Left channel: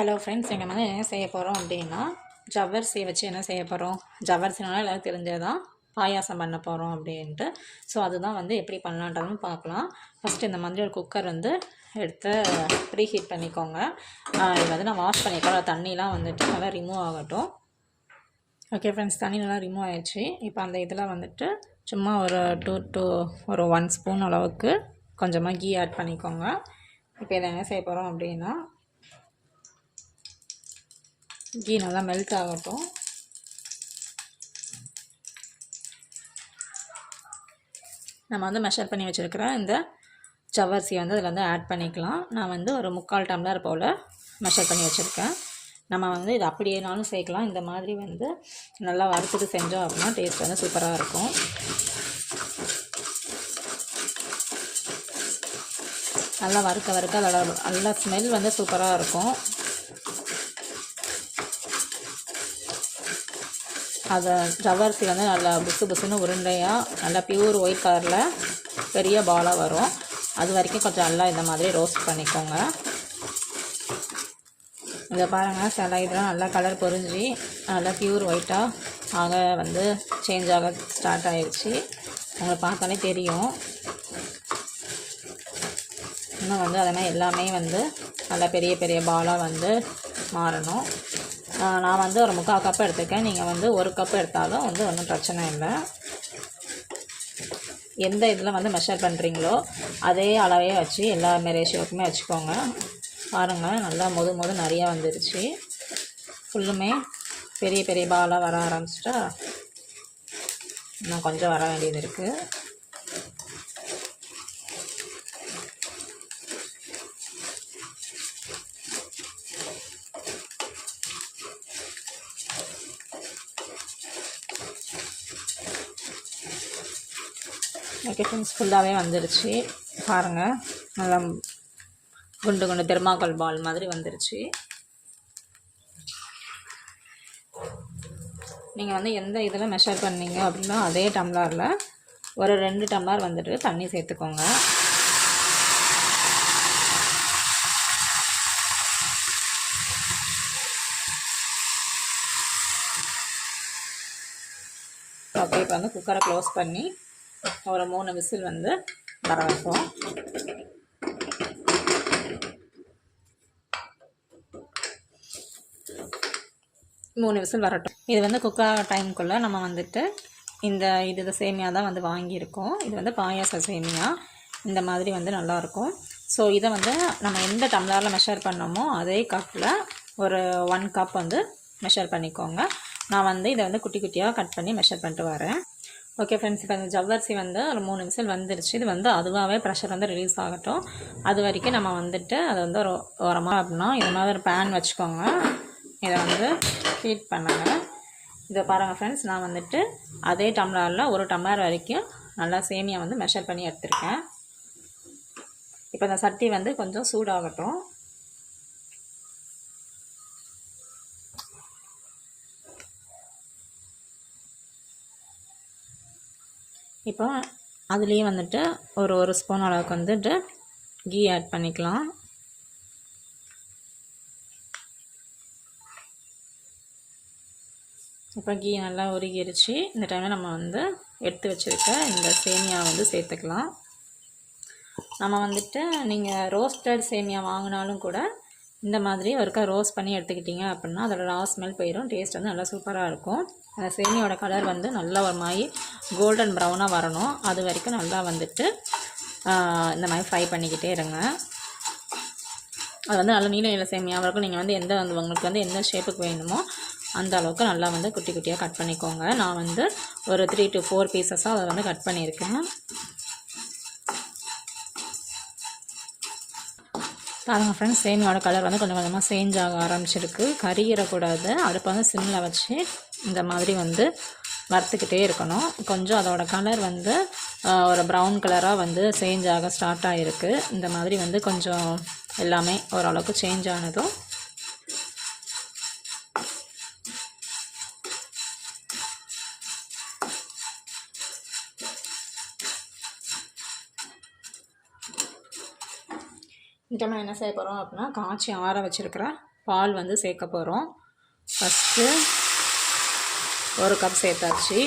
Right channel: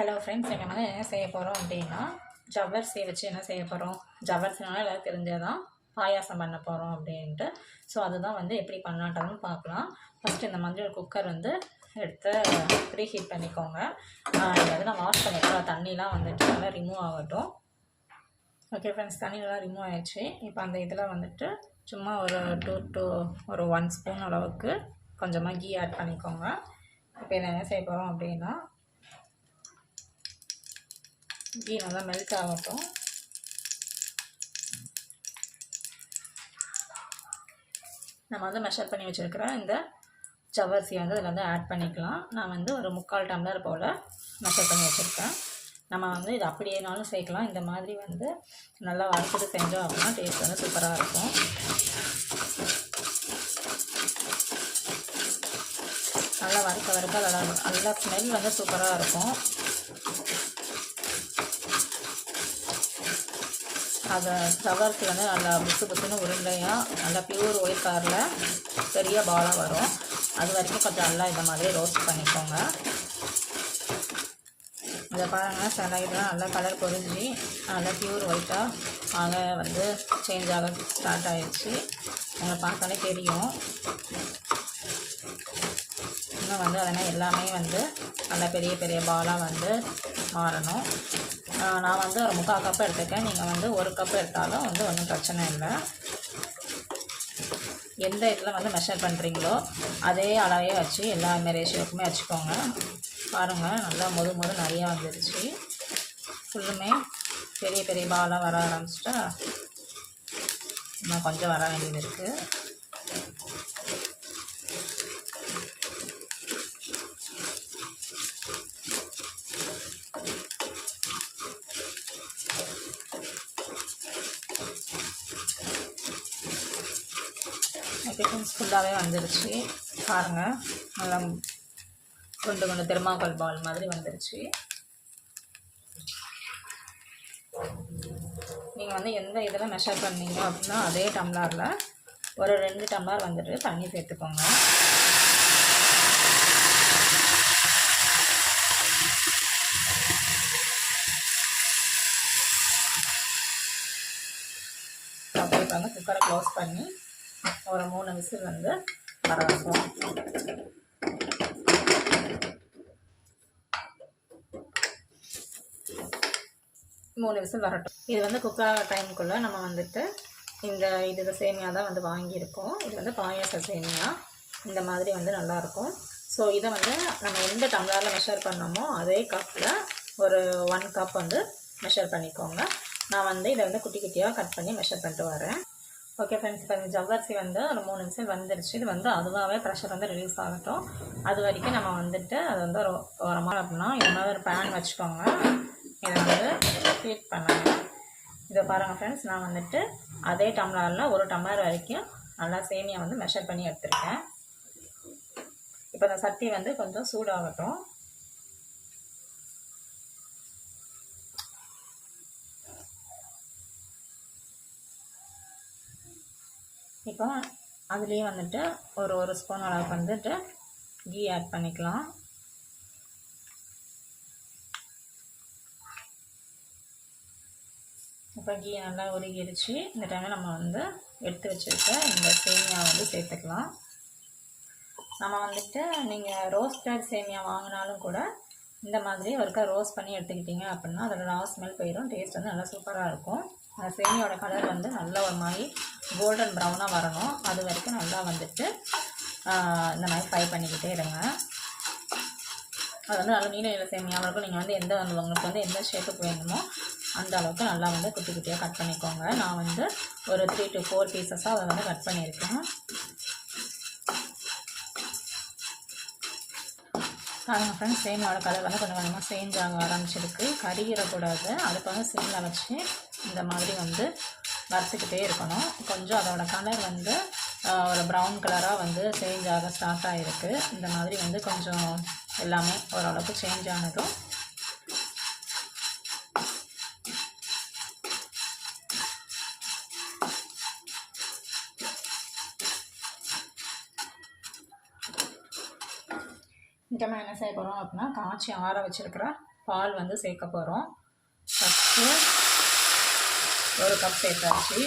Hello friends எங்கள் வந்து என்ன செய்ய போகிறோம் அப்படின்னா ஜவ்வரிசியை வச்சு என்ன செய்ய போகிறோம் ஜவ்வரிசினால எல்லாரும் தெரிஞ்சது தான் பாயாசம் பண்ண போகிறோம் அப்படின்ட்டு. ஸோ அதுதான் வந்து எப்படி பண்ணலான்றதும் பார்க்கலாம். ஃபஸ்ட்டு இந்த மாதிரி ஒரு குக்கர் வந்து எடுத்து ப்ரீ ஹீட் பண்ணிக்கோங்க அதாவது வந்து நான் வாஷ் பண்ணிட்டோம் தண்ணிலாம் வந்துட்டு நல்லா ரிமூவ் ஆகட்டும். ஓகே ஃப்ரெண்ட்ஸ் தண்ணி நல்லா ரிமூவ் ஆயிடுச்சு. இப்போ அந்த இதில் வந்துட்டு சும்மா ஒரு டூ டூ ஒரு ஒன் ஸ்பூன் அளவுக்கு கொஞ்சமாக கீ ஆட் பண்ணிக்கோங்க. இப்போ இதை என்ன செய்ய போகிறோம் அப்படின்னா கீ நல்லா மெல்ட் ஆகட்டும். நம்ம வந்து மெஷர் பண்ணி வச்சுருக்கிற இந்த ஜவ்வரிசியை வந்து அதில் வந்து ஆட் பண்ணிக்கலாம். நான் வந்து ஒரு முக்கால் டம்ளர் போல் மெஷர் பண்ணி வச்சுருக்கேன். நம்ம வந்து இது அப்படியேனாலும் சேர்க்கலாம். இந்த மாதிரி வந்து நல்லா வறுத்துட்டு செஞ்சோம் அப்படின்னா டேஸ்ட் வந்து சூப்பராக இருக்கும். நல்லா வறுக்க வறுக்க அதோட நல்லா ஸ்மெல் வந்து சூப்பராக இருக்கும். அதை ஜவ்வரிசி வந்து நல்லா புசு புசுன்னு உருண்டையாக நல்லா பியூர் ஒயிட் கலரில் பெரிய பாலாக வரும். அது வரைக்கும் கொஞ்சம் நல்லா இந்த மாதிரி ரோஸ்ட் பண்ணிக்கோங்க. இதை பாருங்கள் சில இதெல்லாம் நல்லா கலர் பொறிஞ்சி நல்லா பியூர் ஒயிட்டாக வாங்க வந்து சேஞ்ச் ஆக ஸ்டார்ட் ஆகிடுச்சு உங்களுக்கு பார்த்தாலே தெரியும். இன்னும் வந்து அதனால் எல்லாமே வந்து நல்லா பெரிய பெரிய பாலாக வந்து மாறணும். நான் வந்து ஒரு முக்கால் கப் எடுத்துருக்கேன். நீங்கள் வந்து ஒரு கப் எடுத்தாலும் வந்து ஒன்றும் பிரச்சனை இல்லை. எந்த இதில் வந்து மெஷர் பண்ணுறீங்களோ அதே அளவே வச்சு எல்லா ரேஷியோக்குமே வச்சுக்கோங்க. பாருங்கள் நல்லா முது முது நிறையா வந்துருச்சு. ஃபுல்லுமே பெரிய பெரிய பாலாக வர ஆரம்பிச்சிட்டா இன்னும் கொஞ்சம் வர வேண்டியது இருக்குது ஓகே ஃபுல்லாகவே வந்துருச்சு. பாருங்கள் நல்லா குண்டு குண்டு தெர்மாக்கோல் பால் மாதிரி வந்துருச்சு. நீங்கள் வந்து எந்த இதில் மெஷர் பண்ணீங்க அப்படின்னா அதே டம்ளரில் ஒரு ரெண்டு டம்ளர் வந்துட்டு தண்ணி சேர்த்துக்கோங்க. அப்படியே வந்து குக்கரை க்ளோஸ் பண்ணி ஒரு மூணு விசில் வந்து வர வைப்போம் மூணு விசில் வரட்டும். இது வந்து குக் ஆகிற டைமுக்குள்ளே நம்ம வந்துட்டு இந்த இது சேமியா தான் வந்து வாங்கியிருக்கோம். இது வந்து பாயாச சேமியா. இந்த மாதிரி வந்து நல்லாயிருக்கும் ஸோ இதை வந்து நம்ம எந்த டம்ளரில் மெஷர் பண்ணோமோ அதே கப்பில் ஒரு ஒன் கப் வந்து மெஷர் பண்ணிக்கோங்க. நான் வந்து இதை வந்து குட்டி குட்டியாக கட் பண்ணி மெஷர் பண்ணிட்டு வரேன். ஓகே ஃப்ரெண்ட்ஸ் இப்போ இந்த ஜவ்வரிசி வந்து ஒரு மூணு விசில் வந்துருச்சு. இது வந்து அதுவாகவே ப்ரெஷர் வந்து ரிலீஸ் ஆகட்டும். அது வரைக்கும் நம்ம வந்துட்டு அதை வந்து ஒரு ஓரமாக அப்படின்னா இது மாதிரி ஒரு பேன் வச்சுக்கோங்க. இதை வந்து ஹீட் பண்ணுங்க. இதை பாருங்கள் ஃப்ரெண்ட்ஸ் நான் வந்துட்டு அதே டம்ளரில் ஒரு டம்ளர் வரைக்கும் நல்லா சேமியா வந்து மெஷர் பண்ணி எடுத்திருக்கேன். இப்போ இந்த சட்டி வந்து கொஞ்சம் சூடாகட்டும். இப்போ அதுலேயே வந்துட்டு ஒரு ஒரு ஸ்பூன் அளவுக்கு வந்துட்டு கீ ஆட் பண்ணிக்கலாம். இப்போ கீ நல்லா உருகிருச்சு. இந்த டைமில் நம்ம வந்து எடுத்து வச்சுருக்க இந்த சேமியா வந்து சேர்த்துக்கலாம். நம்ம வந்துட்டு நீங்கள் ரோஸ்டட் சேமியா வாங்கினாலும் கூட இந்த மாதிரி ஒருக்கா ரோஸ்ட் பண்ணி எடுத்துக்கிட்டிங்க அப்படின்னா அதோட ரா ஸ்மெல் போயிடும். டேஸ்ட் வந்து நல்லா சூப்பராக இருக்கும். அந்த சேமியோட கலர் வந்து நல்லா ஒரு மாதிரி கோல்டன் ப்ரௌனாக வரணும். அது வரைக்கும் நல்லா வந்துட்டு இந்த மாதிரி ஃப்ரை பண்ணிக்கிட்டே இருங்க. அது வந்து நல்ல நீல நீல சேமியாக இருக்கும் நீங்கள் வந்து எந்த வந்து உங்களுக்கு வந்து எந்த ஷேப்புக்கு வேணுமோ அந்த அளவுக்கு நல்லா வந்து குட்டி குட்டியாக கட் பண்ணிக்கோங்க. நான் வந்து ஒரு த்ரீ டு ஃபோர் பீசஸாக அதை வந்து கட் பண்ணியிருக்கேன். பாருங்கள் ஃப்ரெண்ட்ஸ் சேமியோட கலர் வந்து கொஞ்சம் கொஞ்சமாக சேஞ்ச் ஆக ஆரம்பிச்சிருக்கு. கறியிடக்கூடாது அடுப்பை வந்து சிம்மில் வச்சு இந்த மாதிரி வந்து வறுத்துக்கிட்டே இருக்கணும். கொஞ்சம் அதோட கலர் வந்து ஒரு ப்ரௌன் கலராக வந்து சேஞ்ச் ஆக ஸ்டார்ட் ஆகிருக்கு இந்த மாதிரி வந்து கொஞ்சம் எல்லாமே ஓரளவுக்கு சேஞ்ச் ஆனதும் இந்த நம்ம என்ன செய்ய போகிறோம் அப்படின்னா காய்ச்சி ஆற வச்சுருக்கிற பால் வந்து சேர்க்க போகிறோம் ஃபஸ்ட்டு ஒரு கப் சேர்த்தாச்சு.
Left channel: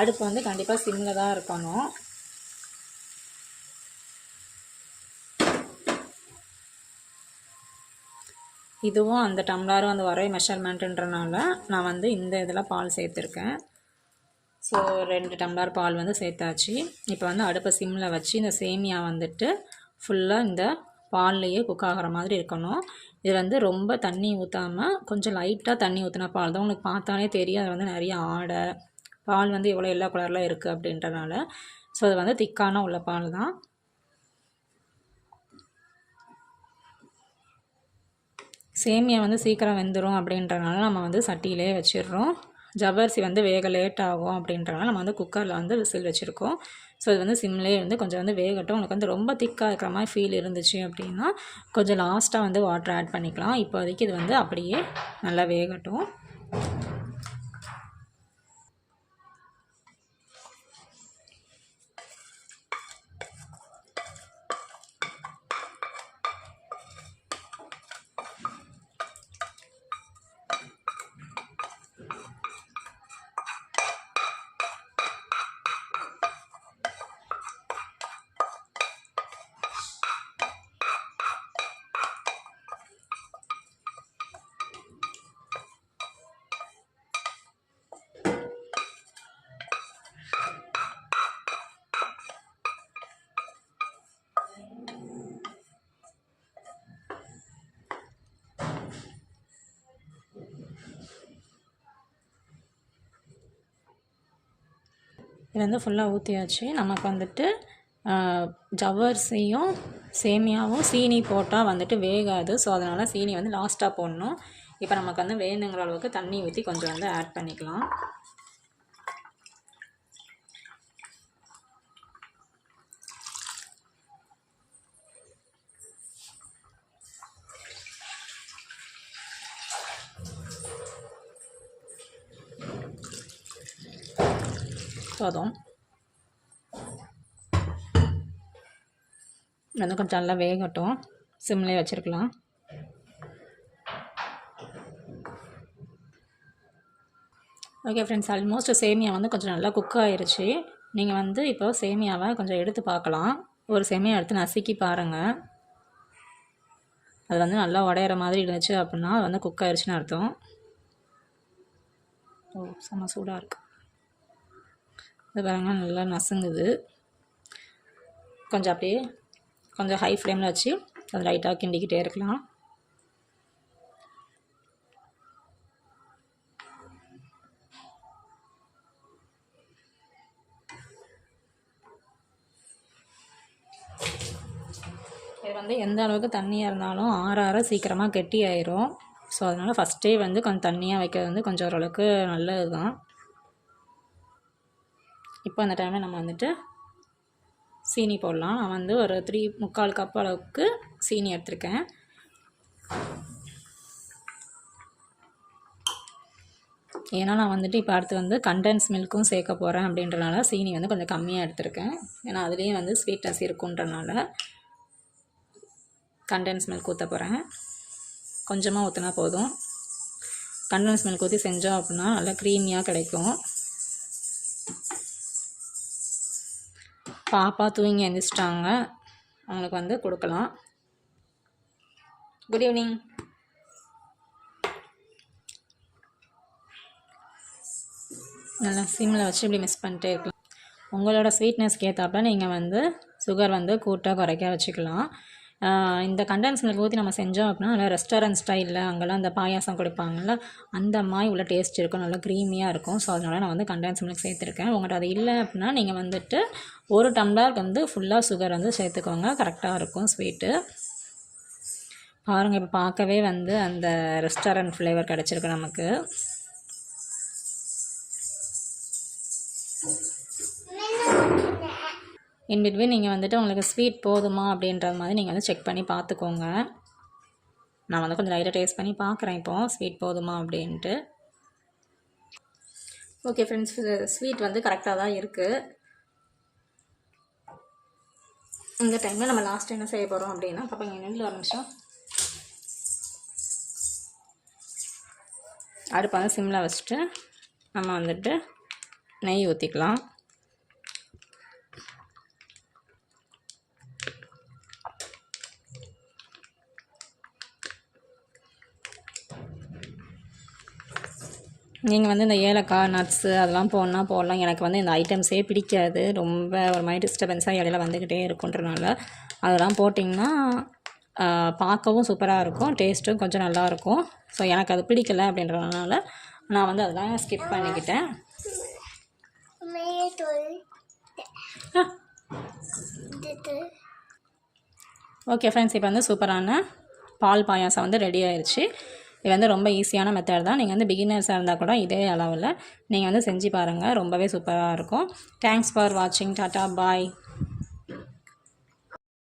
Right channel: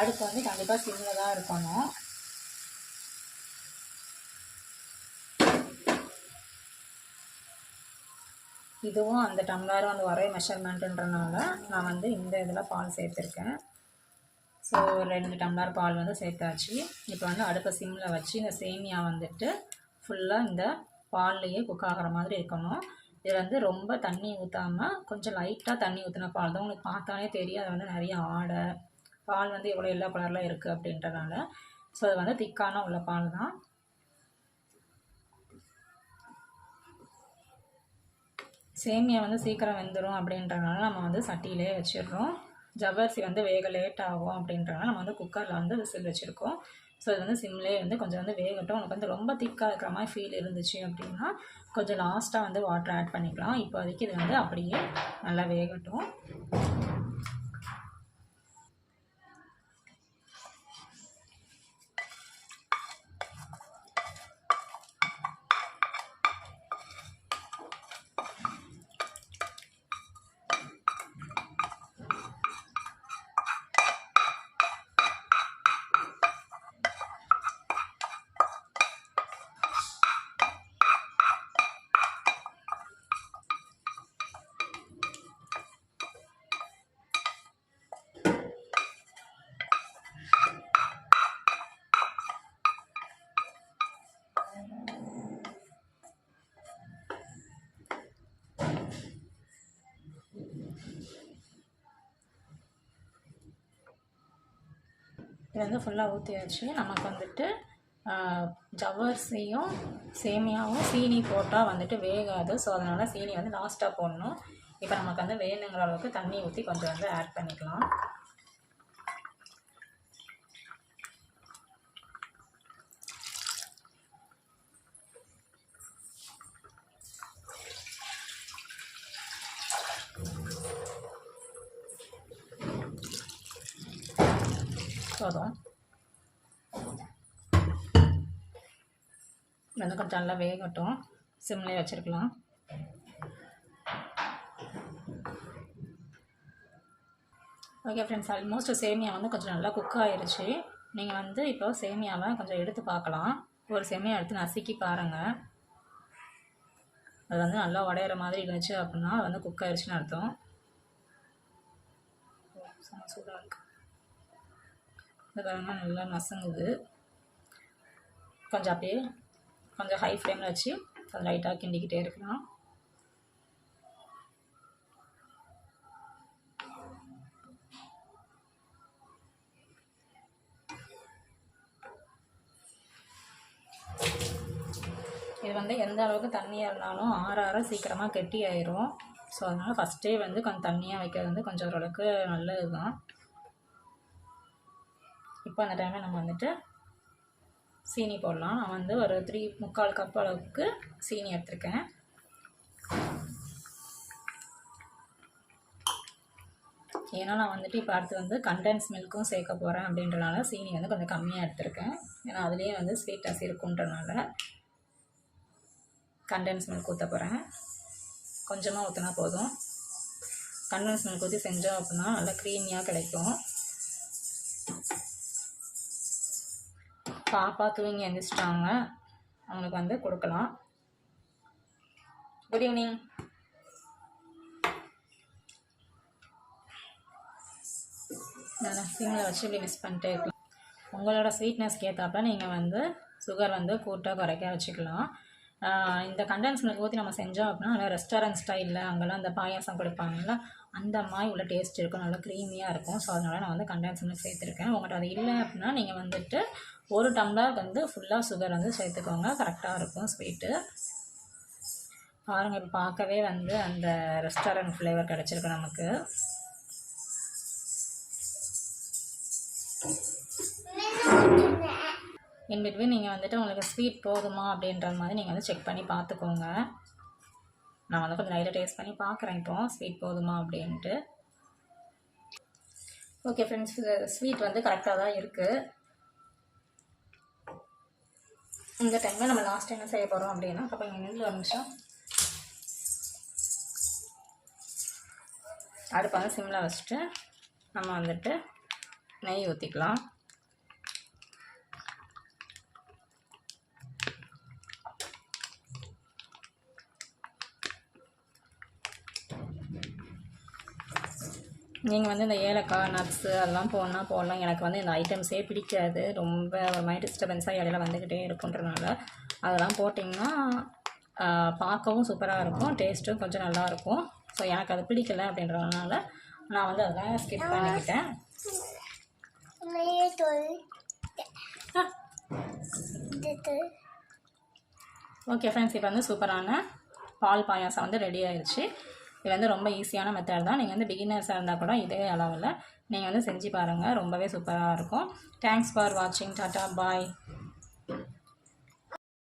அடுப்பு வந்து கண்டிப்பாக சிம்மில் தான் இருக்கணும். இதுவும் அந்த டம்ளரும் அந்த ஒரே மெஷர்மெண்ட்டுன்றனால நான் வந்து இந்த இதில் பால் சேர்த்துருக்கேன். ஸோ ரெண்டு டம்ளர் பால் வந்து சேர்த்தாச்சு. இப்போ வந்து அடுப்பை சிம்மில் வச்சு இந்த சேமியா வந்துட்டு ஃபுல்லாக இந்த பால்லையே குக் ஆகிற மாதிரி இருக்கணும். இது வந்து ரொம்ப தண்ணி ஊற்றாமல் கொஞ்சம் லைட்டாக தண்ணி ஊற்றின பால் தான். உங்களுக்கு பார்த்தாலே தெரியும் அது வந்து நிறைய ஆடை பால் வந்து எவ்வளோ எல்லா கலரில் இருக்குது அப்படின்றனால. ஸோ அது வந்து திக்கான உள்ள பால் தான். சேமியா வந்து சீக்கிரம் வெந்துடும் அப்படின்றனால நம்ம வந்து சட்டியிலே வச்சிடுறோம். ஜவ்வரிசி வந்து வேக லேட் ஆகும் அப்படின்றனால நம்ம வந்து குக்கரில் வந்து விசில் வச்சுருக்கோம். ஸோ இது வந்து சிம்லேயே வந்து கொஞ்சம் வந்து வேகட்டும். உனக்கு வந்து ரொம்ப திக்காக இருக்கிற மாதிரி ஃபீல் இருந்துச்சு அப்படின்னா கொஞ்சம் லாஸ்ட்டாக வந்து வாட்டர் ஆட் பண்ணிக்கலாம். இப்போதைக்கு இது வந்து அப்படியே நல்லா வேகட்டும். இது வந்து ஃபுல்லாக ஊற்றியாச்சு நமக்கு வந்துட்டு ஜவ்வரிசியும் சேமியாவும் சீனி போட்டால் வந்துட்டு வேகாது. ஸோ அதனால் சீனி வந்து லாஸ்ட்டாக போடணும். இப்போ நமக்கு வந்து வேணுங்கிற அளவுக்கு தண்ணி ஊற்றி கொஞ்சம் வந்து ஆட் பண்ணிக்கலாம். போதும் வந்து கொஞ்சம் நல்லா வேகட்டும். சிம்லேயே வச்சுருக்கலாம். ஓகே ஃப்ரெண்ட்ஸ் ஆல்மோஸ்ட் சேமியா வந்து கொஞ்சம் நல்லா குக் ஆயிடுச்சு நீங்கள் வந்து இப்போ சேமியாவை கொஞ்சம் எடுத்து பார்க்கலாம். ஒரு சேமியா எடுத்து நசுக்கி பாருங்கள் அது வந்து நல்லா உடையிற மாதிரி இருந்துச்சு அப்படின்னா அது வந்து குக் ஆயிடுச்சுன்னு அர்த்தம். ஓ செம்ம சூடாக இருக்குது இது பாருங்க நல்லா நசுங்குது. கொஞ்சம் அப்படியே கொஞ்சம் ஹை ஃப்ளேமில் வச்சு அது லைட்டாக கிண்டிக்கிட்டே இருக்கலாம். இது வந்து எந்த அளவுக்கு தண்ணியாக இருந்தாலும் ஆற ஆற சீக்கிரமாக கெட்டி ஆயிரும் ஸோ அதனால் ஃபஸ்ட்டே வந்து கொஞ்சம் தண்ணியாக வைக்கிறது வந்து கொஞ்சம் ஓரளவுக்கு நல்லது தான் இப்போ அந்த டைமில் நம்ம வந்துட்டு சீனி போடலாம். நான் வந்து ஒரு த்ரீ முக்கால் கப் அளவுக்கு சீனி எடுத்திருக்கேன். ஏன்னா நான் வந்துட்டு இப்போ அடுத்து வந்து கண்டென்ஸ் மில்க்கும் சேர்க்க போகிறேன் அப்படின்றனால சீனி வந்து கொஞ்சம் கம்மியாக எடுத்திருக்கேன். ஏன்னா அதுலேயே வந்து ஸ்வீட்னஸ் இருக்குன்றனால கண்டென்ஸ் மில்க் ஊற்ற போகிறேன் கொஞ்சமாக ஊற்றினா போதும். கண்டென்ஸ் மில்க் ஊற்றி செஞ்சோம் அப்படின்னா நல்லா க்ரீமியாக கிடைக்கும். பாப்பா தூங்கி எழுந்திரிச்சிட்டாங்க அவங்களுக்கு வந்து கொடுக்கலாம். குட் ஈவினிங் நல்லா சிம்மில் வச்சு இப்படி மிஸ் பண்ணிட்டே இருக்கலாம். உங்களோட ஸ்வீட்னஸ்க்கு ஏற்றாப்புல நீங்கள் வந்து சுகர் வந்து கூட்டாக குறைக்க வச்சுக்கலாம். இந்த கண்டென்ஸ் மில்க் ஊற்றி நம்ம செஞ்சோம் அப்படின்னா நல்லா ரெஸ்டாரண்ட் ஸ்டைலில் அங்கெல்லாம் அந்த பாயாசம் கொடுப்பாங்கல்ல அந்த மாதிரி உள்ள டேஸ்ட் இருக்கும். நல்லா க்ரீமியாக இருக்கும். ஸோ அதனால் நான் வந்து கண்டென்ஸ் மில்க் சேர்த்துருக்கேன். உங்கள்கிட்ட அது இல்லை அப்படின்னா நீங்கள் வந்துட்டு ஒரு டம்ளர் வந்து ஃபுல்லாக சுகர் வந்து சேர்த்துக்கோங்க. கரெக்டாக இருக்கும் ஸ்வீட்டு பாருங்கள் இப்போ பார்க்கவே வந்து அந்த ரெஸ்டாரண்ட் ஃப்ளேவர் கிடச்சிருக்கு நமக்கு. இன்பிட்வீன் நீங்கள் வந்துட்டு உங்களுக்கு ஸ்வீட் போதுமா அப்படின்ற மாதிரி நீங்கள் வந்து செக் பண்ணி பார்த்துக்கோங்க. நான் வந்து கொஞ்சம் லைட்டாக டேஸ்ட் பண்ணி பார்க்குறேன் இப்போது ஸ்வீட் போதுமா அப்படின்ட்டு. ஓகே ஃப்ரெண்ட்ஸ் ஸ்வீட் வந்து கரெக்டாக தான் இருக்குது இந்த டைமில் நம்ம லாஸ்ட் என்ன செய்ய போகிறோம் அப்படின்னா அப்போ இன்னும் ஒரு நிமிஷம். அடுப்பை வந்து சிம்மில் வச்சுட்டு நம்ம வந்துட்டு நெய் ஊற்றிக்கலாம் நீங்கள் வந்து இந்த ஏலக்காய் நட்ஸு அதெல்லாம் போடனா போடலாம். எனக்கு வந்து இந்த ஐட்டம்ஸே பிடிக்காது. ரொம்ப ஒரு மாதிரி டிஸ்டர்பன்ஸாக இடையில வந்துக்கிட்டே இருக்குன்றனால அதெல்லாம் போட்டிங்கன்னா பார்க்கவும் சூப்பராக இருக்கும். டேஸ்ட்டும் கொஞ்சம் நல்லா இருக்கும். ஸோ எனக்கு அது பிடிக்கல அப்படின்றதுனால நான் வந்து அதெல்லாம் ஸ்கிப் பண்ணிக்கிட்டேன். ஓகே ஃப்ரெண்ட்ஸ் இப்போ வந்து சூப்பரான பால் பாயாசம் வந்து ரெடி ஆயிடுச்சு இது வந்து ரொம்ப ஈஸியான மெத்தட் தான். நீங்கள் வந்து பிகினர்ஸாக இருந்தால் கூட இதே அளவில் நீங்கள் வந்து செஞ்சு பாருங்கள் ரொம்பவே சூப்பராக இருக்கும். தேங்க்ஸ் ஃபார் வாட்சிங் டாட்டா பாய்